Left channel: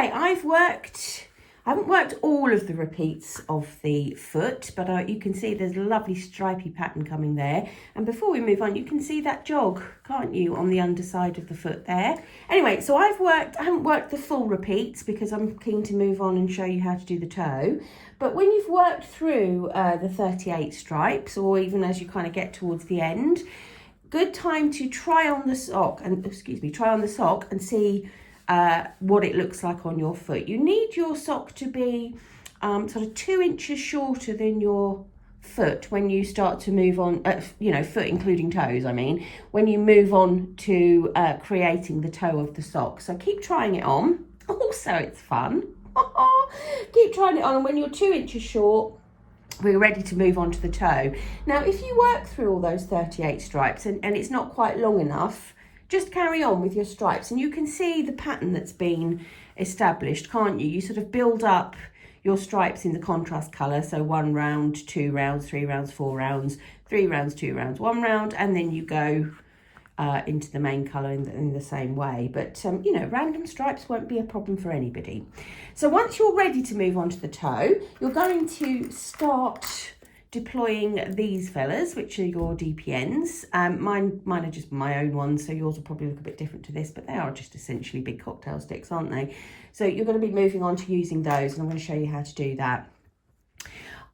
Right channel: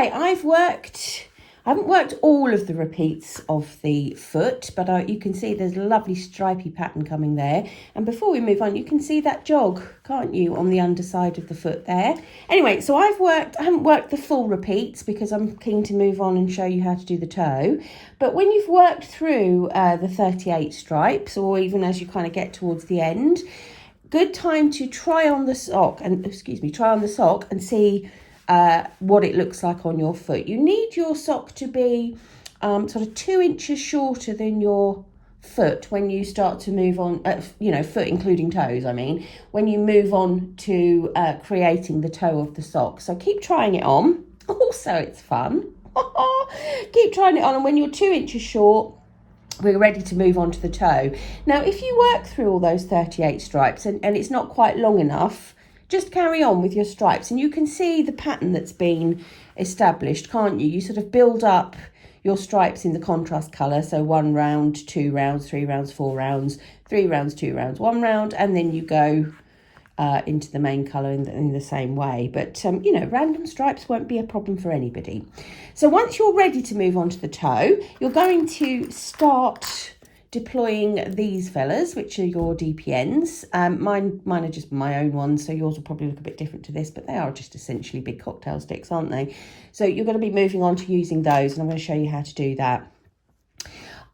Okay, I haven't worked all of the repeats of the foot, but you can see there's a lovely stripy pattern coming there. And before we move on, you can see that jog, can't you, on the underside of the foot there. Anyway, so I haven't worked the full repeats because I'm keen to move on and show you how to do the toe. But when you've worked through the 38 stripes, or even as you kind of get towards the end, good time to try on the sock and see what it looks like on your foot. You need your sock to be sort of 2 inches shorter than your foot when you start to move on, foot including toes, I mean, when you move on to creating the toe of the sock. So keep trying it on. Also, it's fun. Keep trying it on, and when you're 2 inches short, we're ready to move on to the toe. Now, if you work through all those 38 stripes and it's not quite long enough, just carry on with your stripes, and you can see the pattern that's been established, can't you? You sort of build up your stripes in the contrast colour, so 1 round, 2 rounds, 3 rounds, 4 rounds, 3 rounds, 2 rounds, 1 round, and then you go into the main colour in the same way. But, random stripes won't be a problem for anybody. So once you're ready to move on to the toe, you're going to start deploying these fellas, which are your DPNs. Mine are just my own ones, so yours will probably look a bit different to this, but they are just essentially big cocktail sticks, aren't they? So you're going to be moving on to using those, and I'm going to show you how to do that.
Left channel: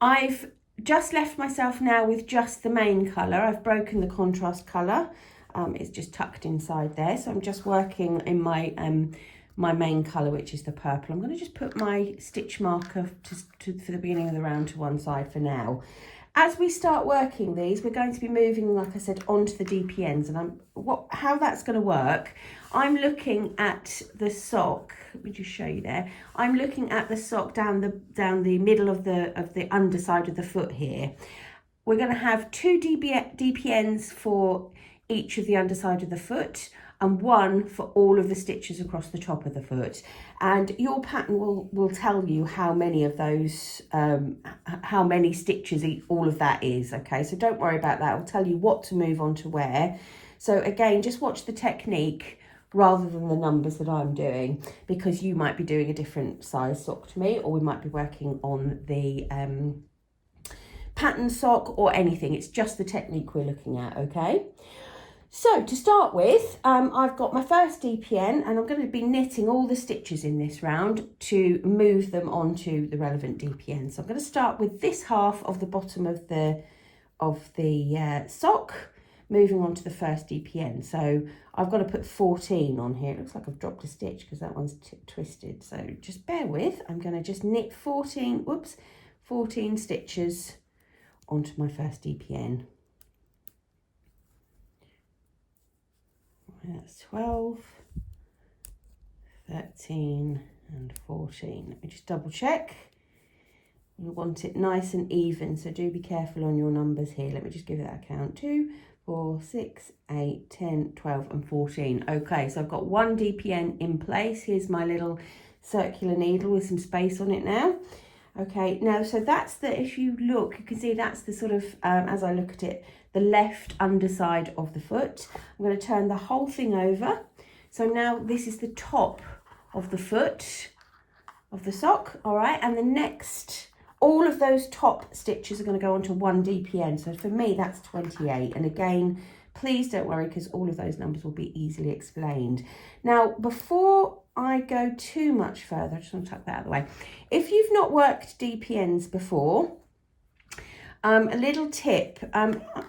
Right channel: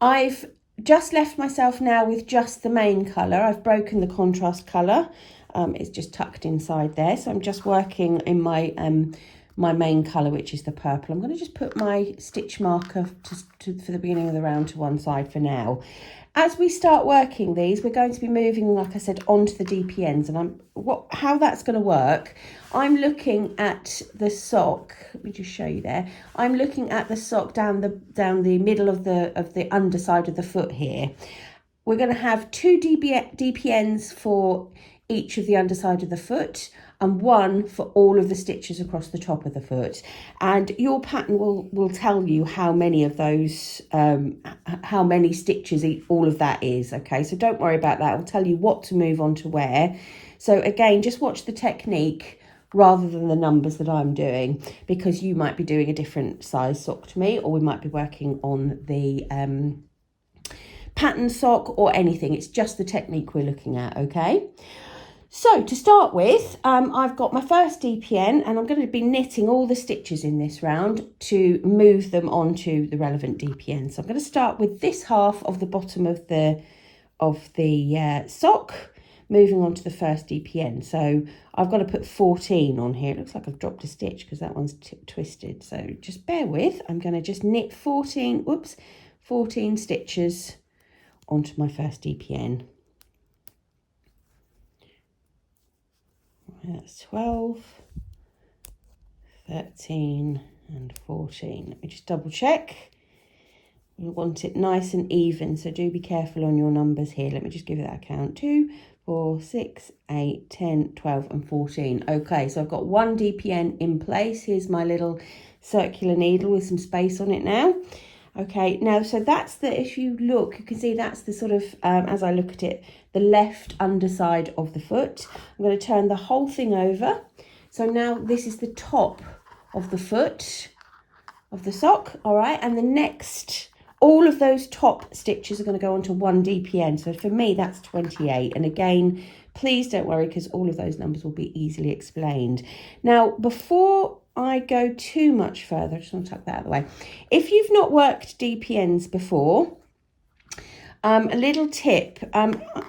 I've just left myself now with just the main colour. I've broken the contrast colour. It's just tucked inside there, so I'm just working in my my main colour, which is the purple. I'm going to just put my stitch marker for the beginning of the round to one side for now. As we start working these, we're going to be moving, like I said, onto the DPNs, and how that's going to work. I'm looking at the sock. Let me just show you there. I'm looking at the sock down the middle of the underside of the foot here. We're going to have 2 DPNs for each of the underside of the foot, and 1 for all of the stitches across the top of the foot. And your pattern will tell you how many of those, how many stitches all of that is, okay? So don't worry about that. It'll tell you what to move on to where. So again, just watch the technique rather than the numbers that I'm doing, because you might be doing a different size sock to me, or we might be working on the pattern sock or anything. It's just the technique we're looking at, okay? So to start with, I've got my first DPN, and I'm going to be knitting all the stitches in this round to move them onto the relevant DPN. So I'm going to start with this half of the bottom of the sock, moving on to the first DPN. So I've got to put 14 on here. It looks like I've dropped a stitch because that one's twisted. So just bear with. I'm going to just knit 14 stitches onto my first DPN. That's 12, 13 and 14. Let me just double check. We want it nice and even, so do be careful on your numbers here. Let me just give that a count. 2, 4, 6, 8, 10, 12 and 14. Okay, so I've got 1 DPN in place. Here's my little circular needle with some space on it now. Okay, now, so that's if you look, you can see that's the sort of, as I look at it, the left underside of the foot. I'm going to turn the whole thing over. So now this is the top of the foot of the sock, all right? And the next, all of those top stitches are going to go onto 1 DPN. So for me, that's 28. And again, please don't worry, because all of those numbers will be easily explained. Now, before I go too much further, I just want to tuck that out of the way. If you've not worked DPNs before, a little tip,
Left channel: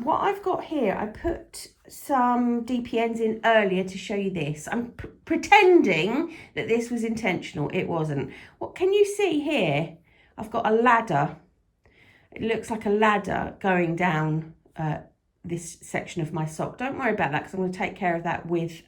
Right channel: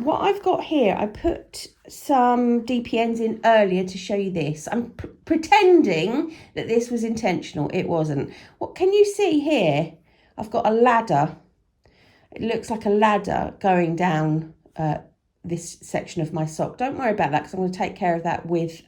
what I've got here, I put some DPNs in earlier to show you this. I'm pretending that this was intentional. It wasn't. What can you see here? I've got a ladder. It looks like a ladder going down this section of my sock. Don't worry about that, because I'm going to take care of that with,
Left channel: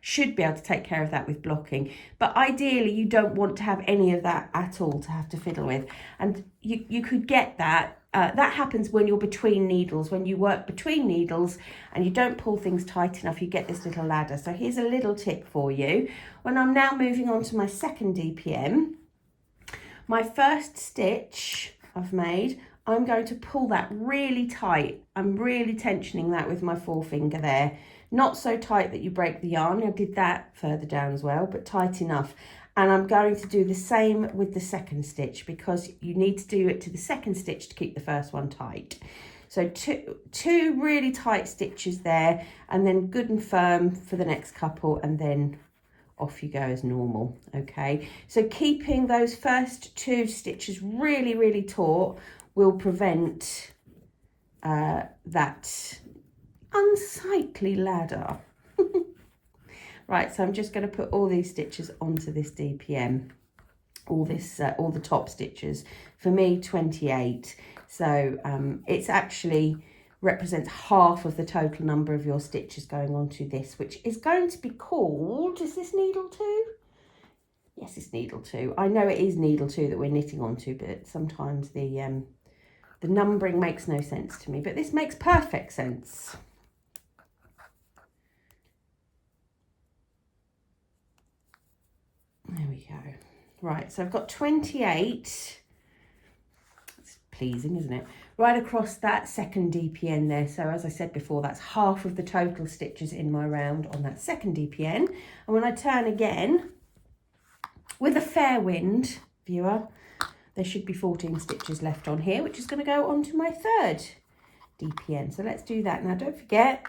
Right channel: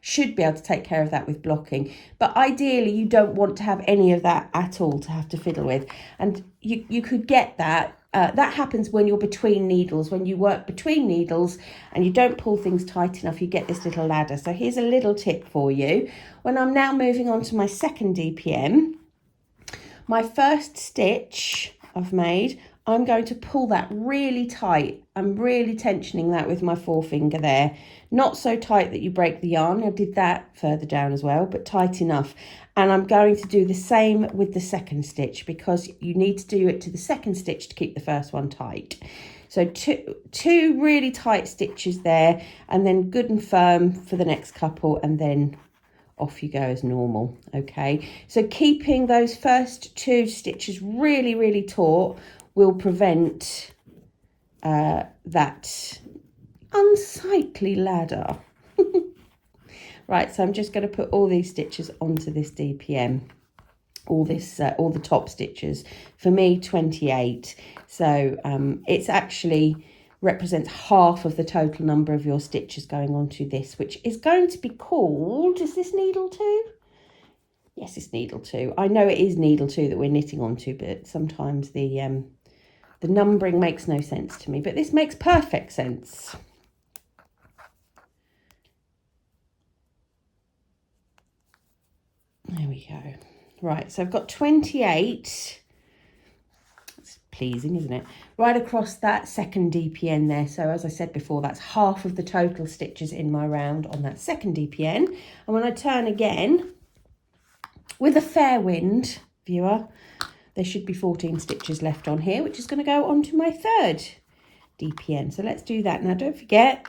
should be able to take care of that with blocking. But ideally, you don't want to have any of that at all to have to fiddle with. And you could get that. That happens when you're between needles. When you work between needles and you don't pull things tight enough, you get this little ladder. So here's a little tip for you. When I'm now moving on to my second DPN, my first stitch I've made, I'm going to pull that really tight. I'm really tensioning that with my forefinger there Not so tight that you break the yarn. I did that further down as well, but tight enough. And I'm going to do the same with the second stitch, because you need to do it to the second stitch to keep the first one tight. So two really tight stitches there, and then good and firm for the next couple, and then off you go as normal. Okay, so keeping those first 2 stitches really, really taut will prevent that unsightly ladder. Right, so I'm just going to put all these stitches onto this DPN, all the top stitches. For me, 28. So it's actually represents half of the total number of your stitches going onto this, which is going to be called, is this needle 2? Yes, it's needle 2. I know it is needle 2 that we're knitting onto, but sometimes the numbering makes no sense to me, but this makes perfect sense. There we go. Right, so I've got 28. It's pleasing, isn't it? Right across that second DPN there. So as I said before, that's half of the total stitches in my round on that second DPN. And when I turn again, with a fair wind, viewer, there should be 14 stitches left on here, which is going to go onto my third DPN. So let's do that. Now, don't forget,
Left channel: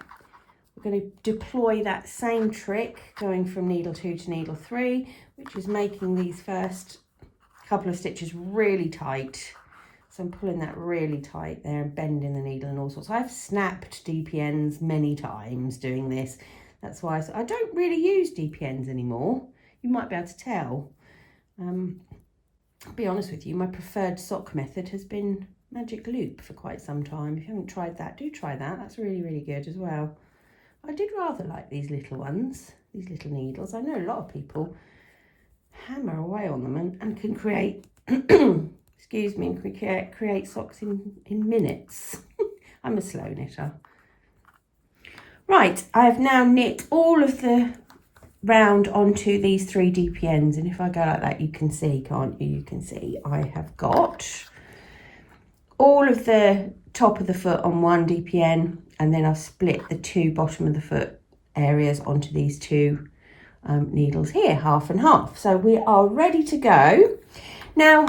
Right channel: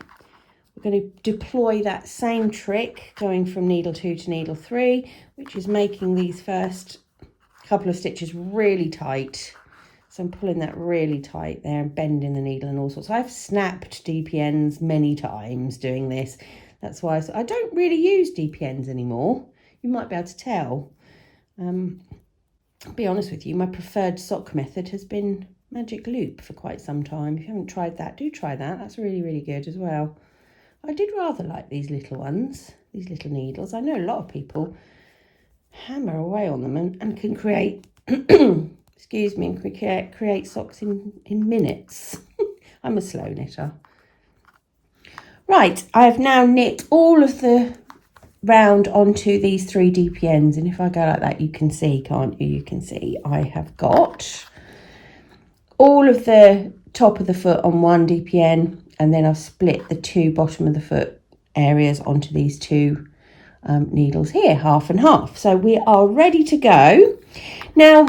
we're going to deploy that same trick going from needle 2 to needle 3, which is making these first couple of stitches really tight. So I'm pulling that really tight there and bending the needle and all sorts. I've snapped DPNs many times doing this. That's why I don't really use DPNs anymore. You might be able to tell. I'll be honest with you, my preferred sock method has been magic loop for quite some time. If you haven't tried that, do try that. That's really, really good as well. I did rather like these little ones, these little needles. I know a lot of people hammer away on them and can create, excuse me, create socks in minutes. I'm a slow knitter. Right, I have now knit all of the round onto these 3 DPNs, and if I go like that, you can see, can't you? You can see I have got all of the top of the foot on 1 DPN, and then I've split the 2 bottom of the foot areas onto these 2 needles here, half and half. So we are ready to go. Now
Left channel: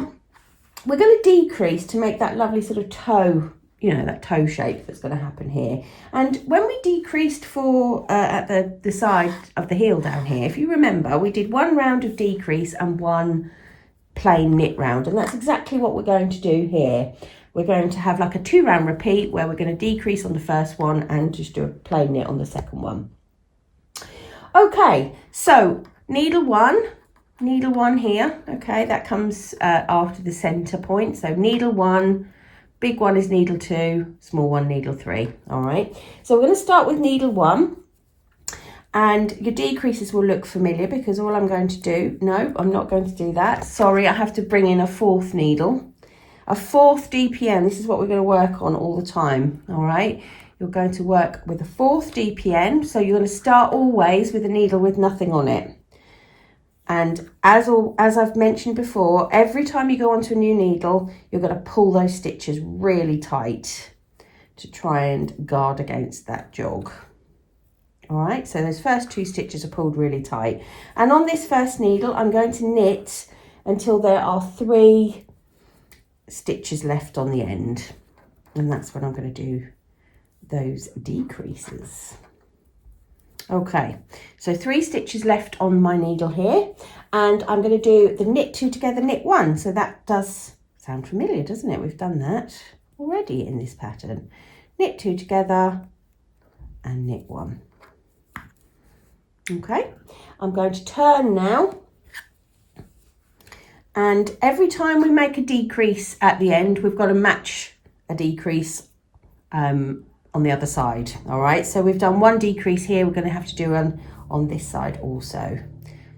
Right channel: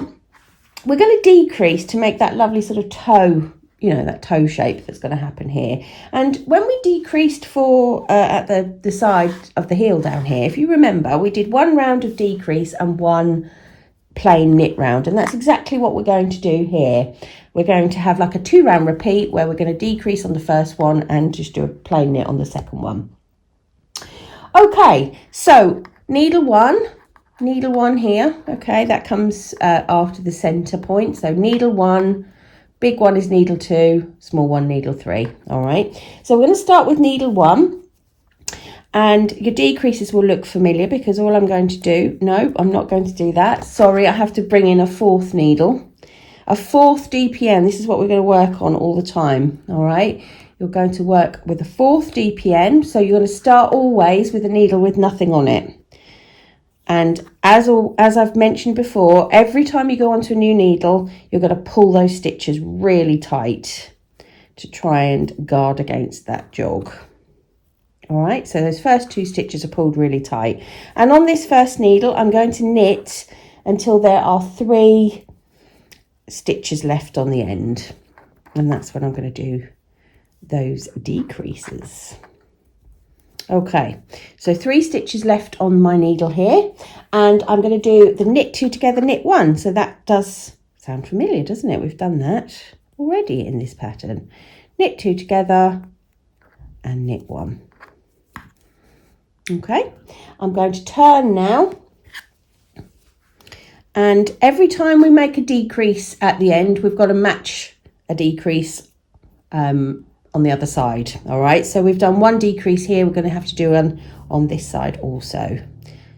we're going to decrease to make that lovely sort of toe, you know, that toe shape that's going to happen here. And when we decreased for at the side of the heel down here, if you remember, we did 1 round of decrease and 1 plain knit round, and that's exactly what we're going to do here. We're going to have like a 2 round repeat where we're going to decrease on the first one and just do a plain knit on the second one. Okay, so needle 1 here. Okay, that comes after the center point. So needle 1, big one is needle 2, small one needle 3. All right, so we're going to start with needle 1, and your decreases will look familiar because all I'm going to do, no, I'm not going to do that. Sorry, I have to bring in a 4th needle, a 4th DPN. This is what we're going to work on all the time. All right, you're going to work with a 4th DPN. So you're going to start always with a needle with nothing on it. And as I've mentioned before, every time you go onto a new needle, you're going to pull those stitches really tight to try and guard against that jog. All right, so those first 2 stitches are pulled really tight. And on this first needle, I'm going to knit until there are 3 stitches left on the end. And that's when I'm going to do those decreases. Okay, so 3 stitches left on my needle here, and I'm going to do the knit 2 together, knit 1. So that does sound familiar, doesn't it? We've done that already in this pattern. Knit 2 together and knit 1. Okay, I'm going to turn now, and every time we make a decrease at the end, we've got to match a decrease on the other side. All right, so we've done 1 decrease here, we're going to have to do one on this side also.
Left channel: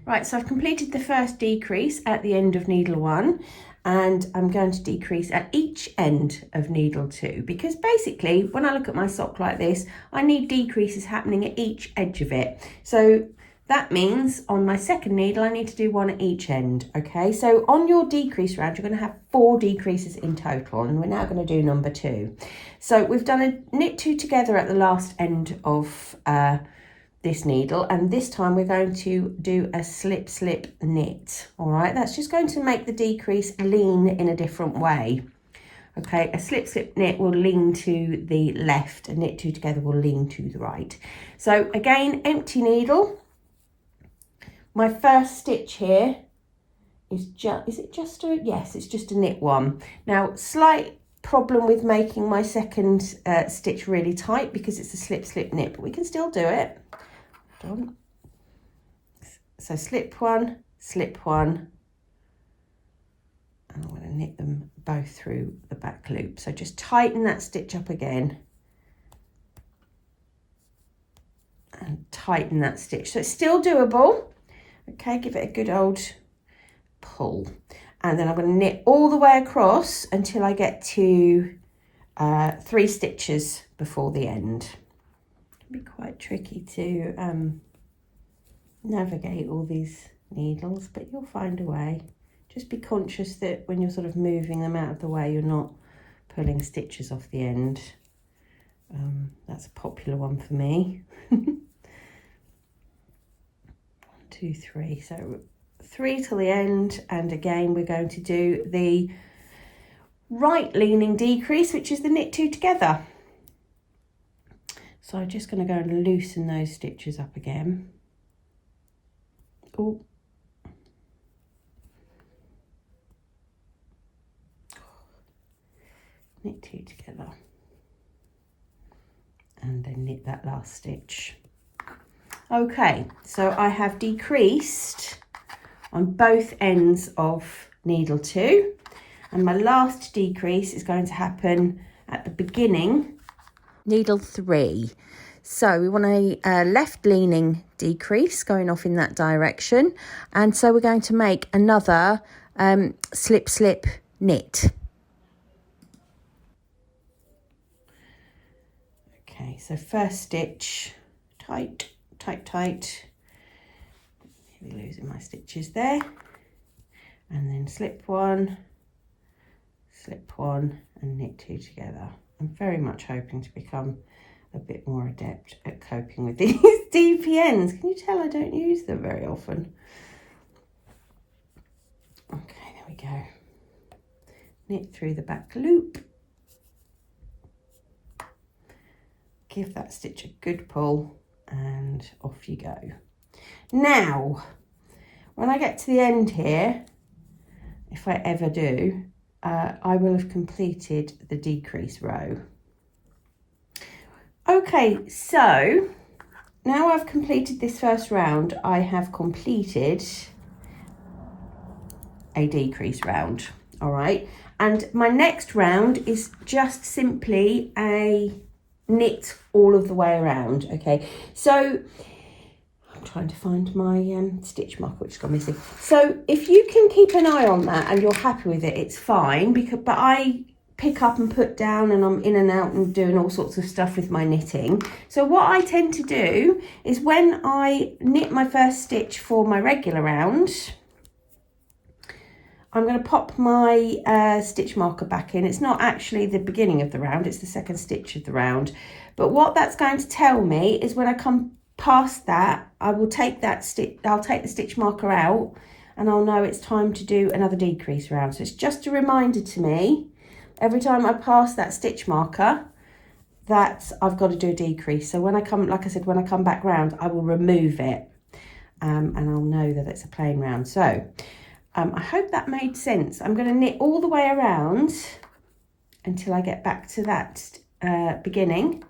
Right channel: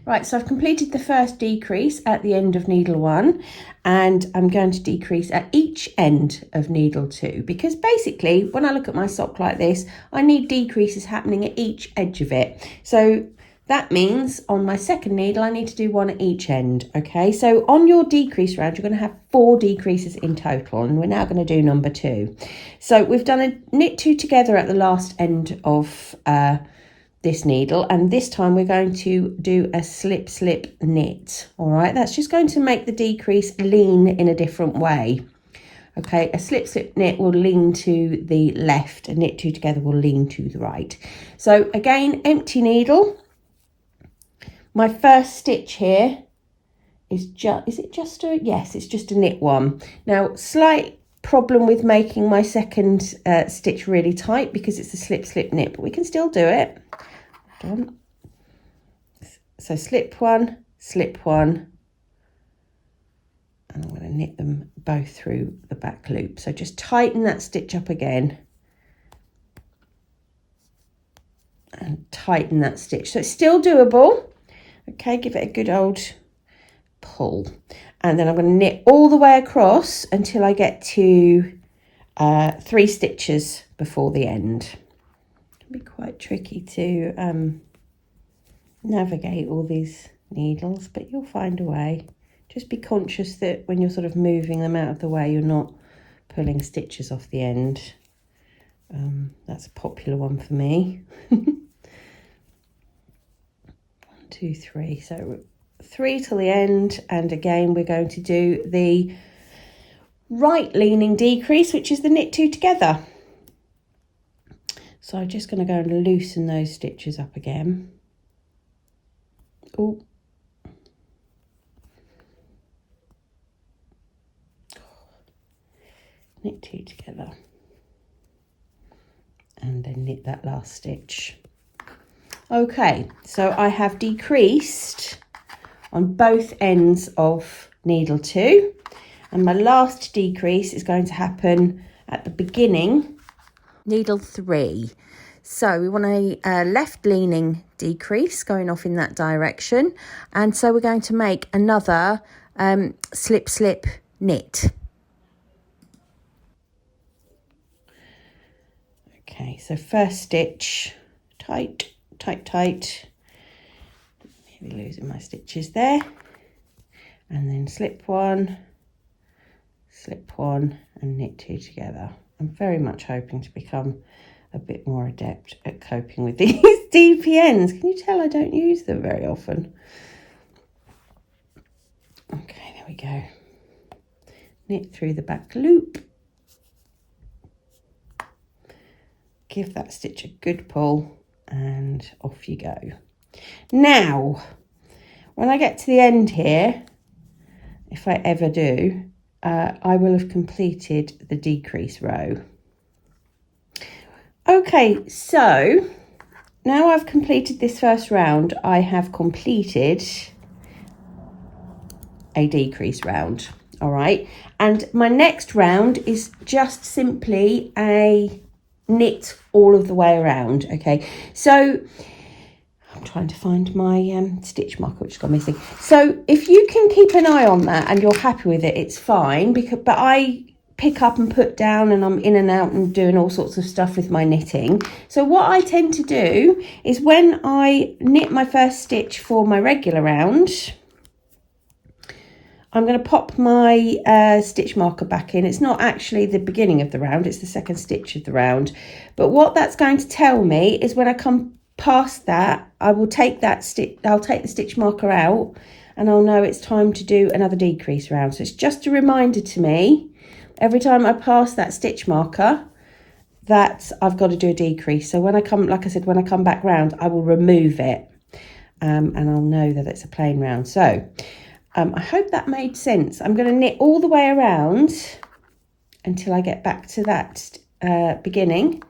Right, so I've completed the first decrease at the end of needle 1, and I'm going to decrease at each end of needle 2, because basically when I look at my sock like this, I need decreases happening at each edge of it. So that means on my second needle, I need to do 1 at each end. Okay, so on your decrease round, you're going to have 4 decreases in total, and we're now going to do number 2. So we've done a knit 2 together at the last end of this needle, and this time we're going to do a slip knit. All right, that's just going to make the decrease lean in a different way. Okay, a slip knit will lean to the left, a knit two together will lean to the right. So again, empty needle. My first stitch here is just yes, it's just a knit one. Now, slight problem with making my second stitch really tight because it's a slip knit, but we can still do it. Hold on. So slip one, and I'm going to knit them both through the back loop. So just tighten that stitch up again and tighten that stitch. So it's still doable. Okay, give it a good old pull, and then I'm going to knit all the way across until I get to 3 stitches before the end. It can be quite tricky to navigate all these needles, but you'll find a way. Just be conscious that when you're sort of moving them out of the way, you're not pulling stitches off the end. That's a popular one for me. 1, 2, 3. So 3 till the end, and again we're going to do the right leaning decrease, which is the knit 2 together. So I'm just going to go and loosen those stitches up again. Oh, knit 2 together, and then knit that last stitch. Okay, so I have decreased on both ends of needle 2, and my last decrease is going to happen at the beginning, needle 3. So we want a left leaning decrease going off in that direction, and so we're going to make another slip knit. Okay, so first stitch, tight, losing my stitches there, and then slip one, and knit 2 together. I'm very much hoping to become a bit more adept at coping with these DPNs. Can you tell I don't use them very often? Okay, there we go. Knit through the back loop, give that stitch a good pull, and off you go. Now, when I get to the end here, if I ever do, I will have completed the decrease row. Okay, so now I've completed this first round, I have completed a decrease round. All right, and my next round is just simply a knit all of the way around. Okay, so I'm trying to find my stitch marker, which I'm missing. So if you can keep an eye on that and you're happy with it, it's fine, but I pick up and put down, and I'm in and out and doing all sorts of stuff with my knitting. So what I tend to do is when I knit my first stitch for my regular round, I'm going to pop my stitch marker back in. It's not actually the beginning of the round, it's the second stitch of the round. But what that's going to tell me is when I come past that, I will take that stitch, I'll take the stitch marker out, and I'll know it's time to do another decrease round. So it's just a reminder to me every time I pass that stitch marker that I've got to do a decrease. So when I come, like I said, when I come back round, I will remove it, and I'll know that it's a plain round. So I hope that made sense. I'm going to knit all the way around until I get back to that beginning.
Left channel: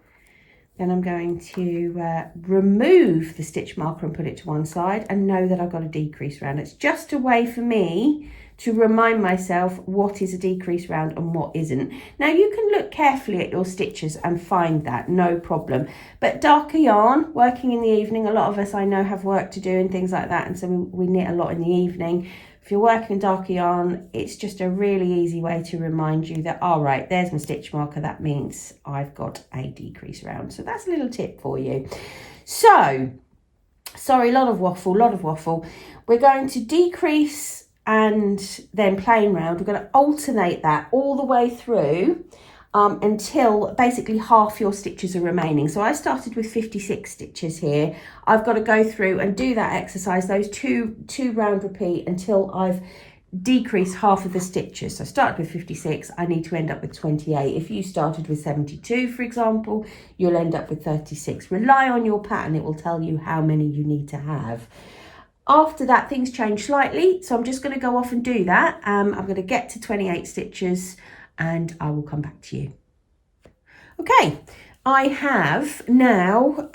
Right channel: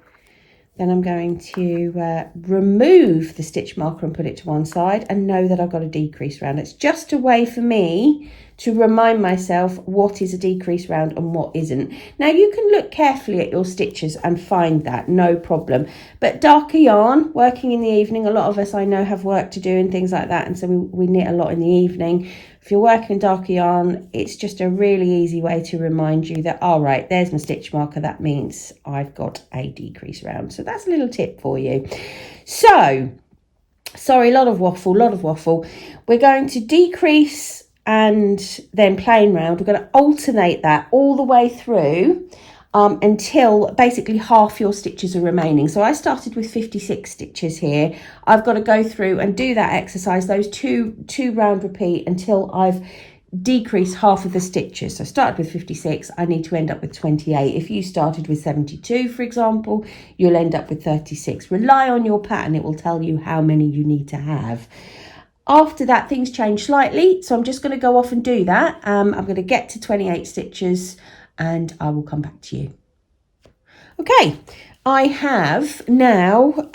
Then I'm going to remove the stitch marker and put it to one side and know that I've got a decrease round. It's just a way for me to remind myself what is a decrease round and what isn't. Now you can look carefully at your stitches and find that, no problem. But darker yarn, working in the evening, a lot of us I know have work to do and things like that, and so we knit a lot in the evening. If you're working darker yarn, it's just a really easy way to remind you that, all right, there's my stitch marker, that means I've got a decrease round. So that's a little tip for you. So, sorry, a lot of waffle. We're going to decrease and then plain round. We're going to alternate that all the way through until basically half your stitches are remaining. So I started with 56 stitches here. I've got to go through and do that exercise, those two round repeat, until I've decreased half of the stitches. So I started with 56, I need to end up with 28. If you started with 72, for example, you'll end up with 36. Rely on your pattern, it will tell you how many you need to have. After that, things change slightly, so I'm just going to go off and do that. I'm going to get to 28 stitches and I will come back to you. Okay, I have now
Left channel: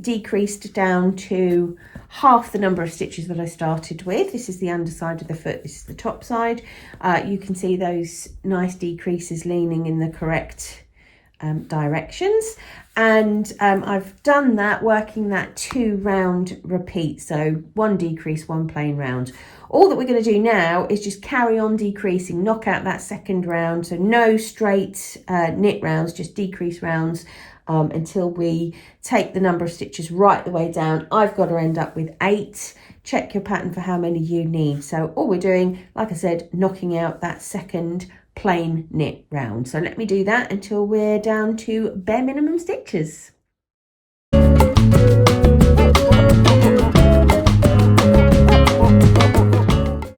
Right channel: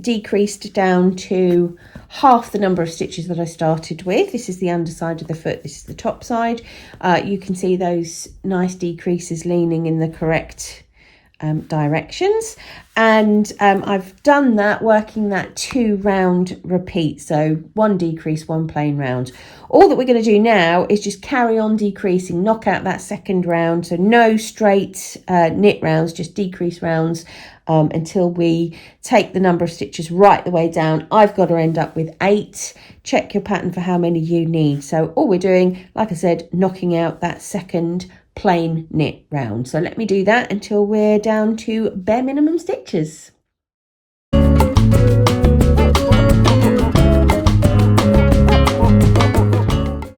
decreased down to half the number of stitches that I started with. This is the underside of the foot, this is the top side. You can see those nice decreases leaning in the correct directions, and I've done that, working that 2 round repeat, so 1 decrease, 1 plain round. All that we're going to do now is just carry on decreasing, knock out that second round, so no straight knit rounds, just decrease rounds until we take the number of stitches right the way down. I've got to end up with 8. Check your pattern for how many you need. So all we're doing, like I said, knocking out that second plain knit round. So let me do that until we're down to bare minimum stitches.